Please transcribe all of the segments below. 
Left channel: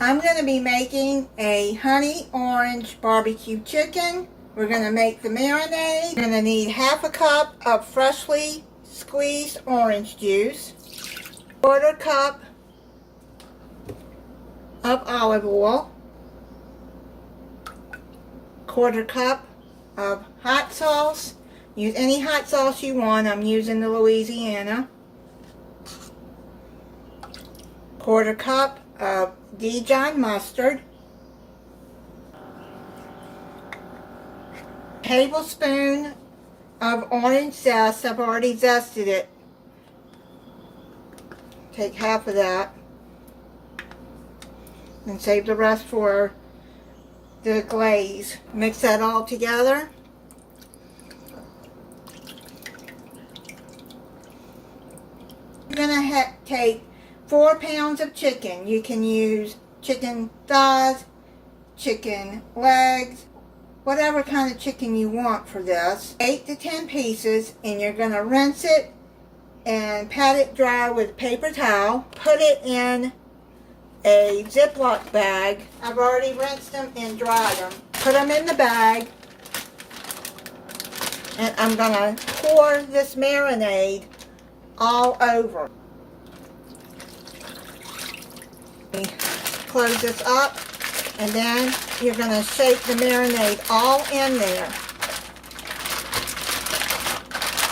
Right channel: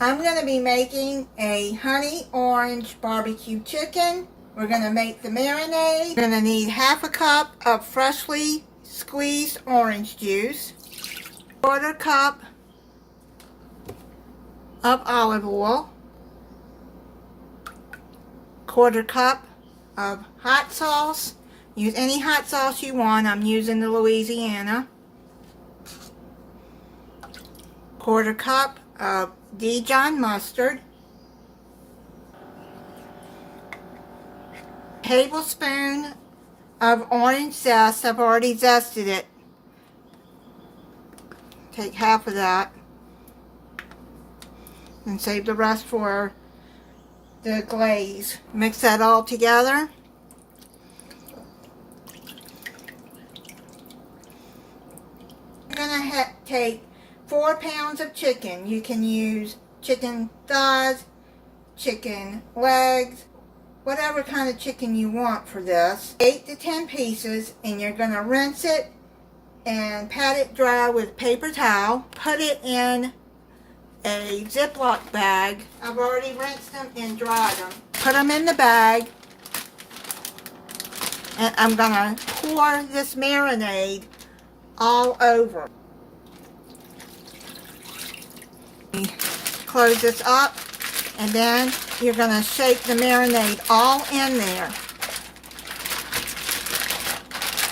I'm going to be making a honey orange barbecue chicken. We're going to make the marinade. We're going to need half a cup of freshly squeezed orange juice, quarter cup of olive oil, quarter cup of hot sauce. Use any hot sauce you want. I'm using the Louisiana. Quarter cup of Dijon mustard, tablespoon of orange zest. I've already zested it. Take half of that and save the rest for the glaze. Mix that all together. You're gonna take 4 pounds of chicken. You can use chicken thighs, chicken legs, whatever kind of chicken you want for this. 8 to 10 pieces, and you're going to rinse it and pat it dry with paper towel. Put it in a Ziploc bag. I've already rinsed them and dried them. Put them in the bag, and I'm going to pour this marinade all over. Close this up, and then you're going to shake the marinade all in there.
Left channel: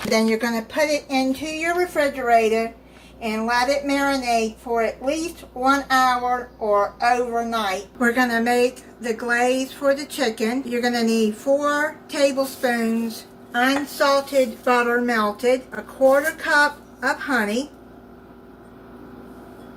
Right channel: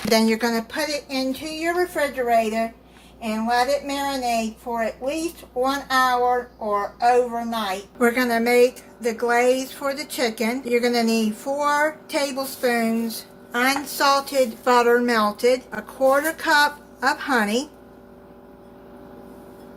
Then you're going to put it into your refrigerator and let it marinate for at least 1 hour or overnight. We're going to make the glaze for the chicken. You're going to need 4 tablespoons unsalted butter melted, a quarter cup of honey,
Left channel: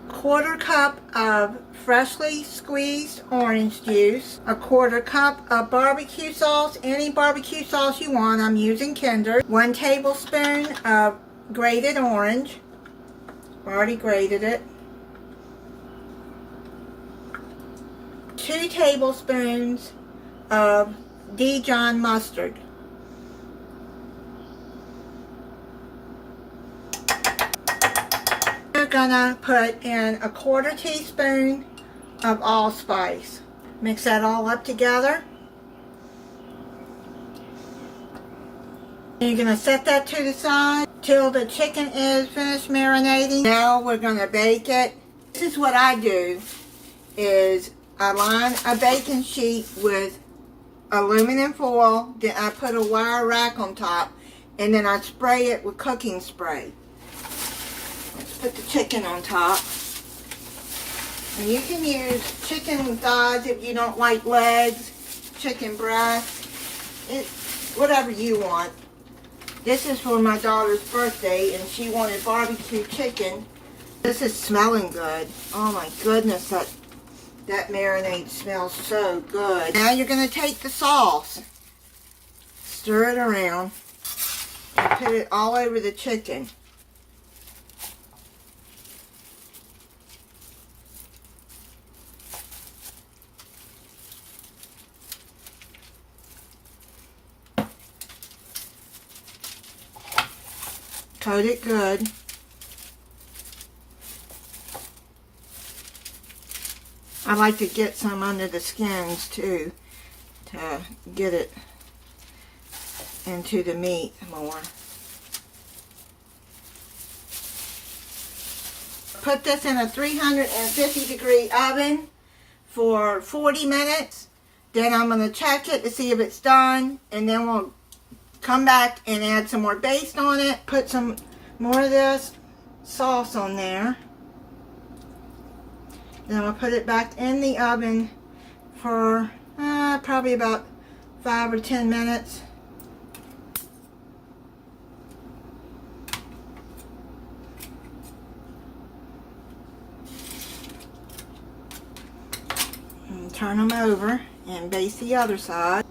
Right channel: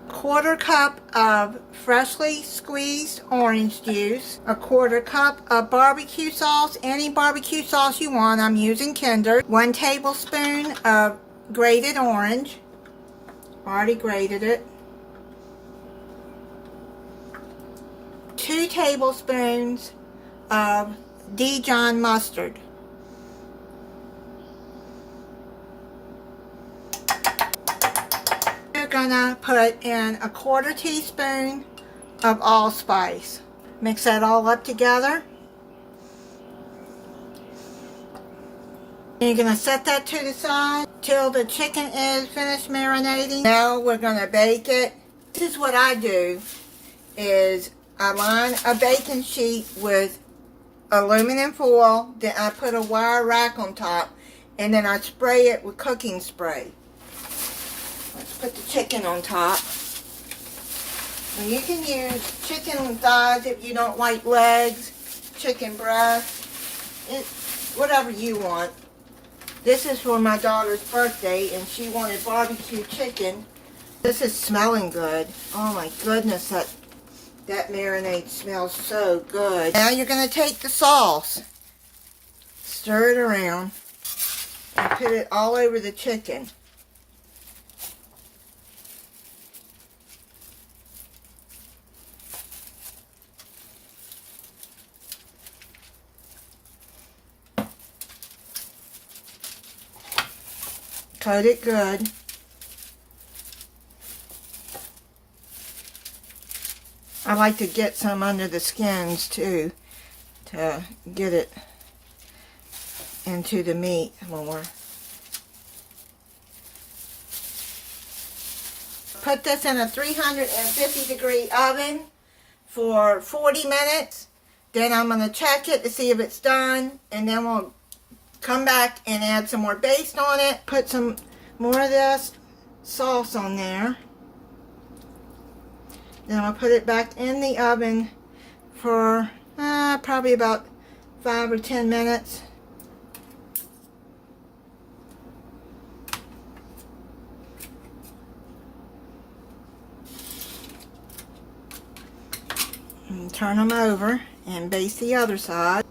quarter cup of freshly squeezed orange juice, a quarter cup of barbecue sauce, any barbecue sauce you want. I'm using Kinder. 1 tablespoon of grated orange. Already grated it. 2 tablespoons of Dijon mustard. We're gonna put in a quarter teaspoon of allspice. Mix that all up together. You're gonna set that to the side till the chicken is finished marinating. Now we're gonna bake it. This is what I do, is I line a baking sheet with aluminum foil, then I put a wire rack on top, and then I spray it with cooking spray. Let's put the chicken on top. And you can use chicken thighs if you don't like legs, chicken breast, whatever you want. This is for my daughter's birthday, and she wanted barbecue chicken. This is smelling good. Oh my goodness, that marinade smells so good. Now you're going to take the sauce, stir it around, and put it all over the chicken. Coat it good. I like to get some under the skins too, to get it into the meat more. Put this in a 350 degree oven for 40 minutes. Then I'm going to check it to see if it's done, and then we'll come back and add some more baste on it. Put some more of this sauce on there. Then I'll put it back in the oven for probably about 5 or 10 minutes. And turn them over and baste the other side.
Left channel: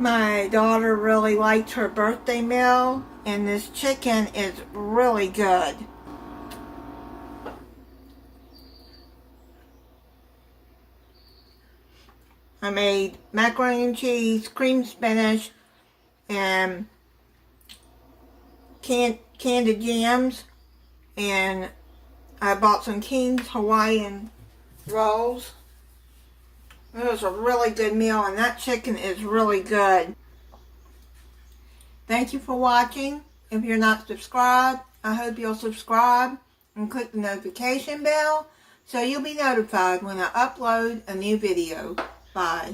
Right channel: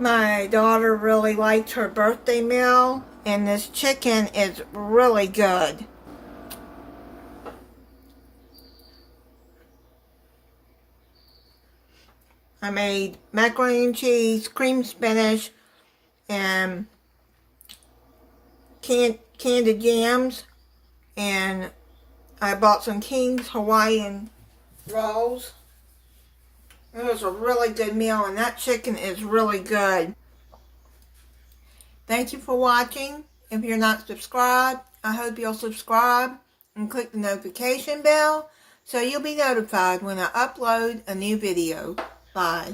My daughter really liked her birthday meal, and this chicken is really good. I made macaroni and cheese, cream spinach, and candied yams, and I bought some King's Hawaiian rolls. It was a really good meal, and that chicken is really good. Thank you for watching. If you're not subscribed, I hope you'll subscribe and click the notification bell so you'll be notified when I upload a new video. Bye.